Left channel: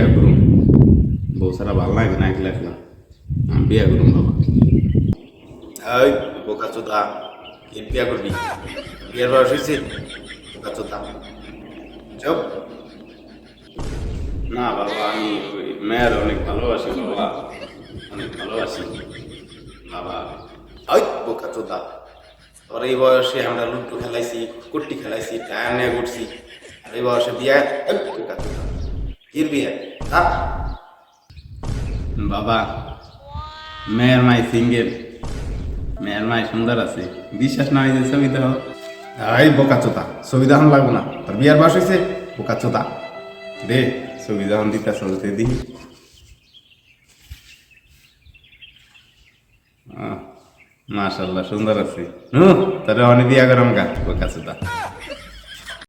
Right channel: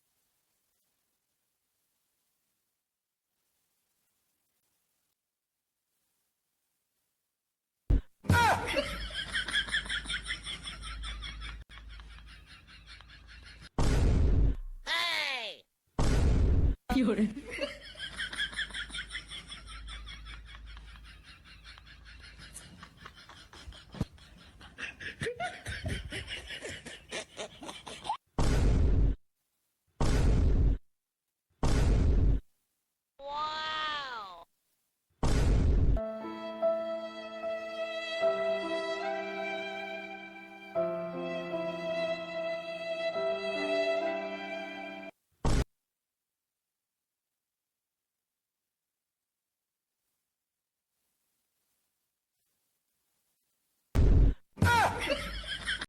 বিয়া করুম বউ সারা ভালো লাগে না একলা একলা আমি বিয়া করুম বাবা। এই বোকা চোদা কি বিয়া করবি? বিয়ের বয়স হয়েছে? বোকা চোদা চুপ। না বাবা আমি ওই মেয়ের অনেক ভালোবাসি বাবা, অনেক ভালোবাসি বাবা। ওই বোকা চোদা তোর এই বয়সে আমরা লুডো খেলাইছি, কুট্টি খেলাইছি, টায়ার নিয়ে ঘুরছি, আর এই বয়সে বিয়া? এই বোকা চোদা কির বিয়া? বাবা মেয়ের মাই সিঙ্গেল, মেয়ের মাই সুন্দর আছে, বিশ্বাস না হয়েছে ছবি দেখো। এই বোকা চোদা ছবি দেখান লাগবো না, তোর বিয়ার বয়স হয়েছে? বোকা চোদা দে ছবি যখন দিতে চলতে দি। মাশাল্লাহ সুন্দর আছে, তাহলে অনেক বিয়া করাম গা বোকা চোদা।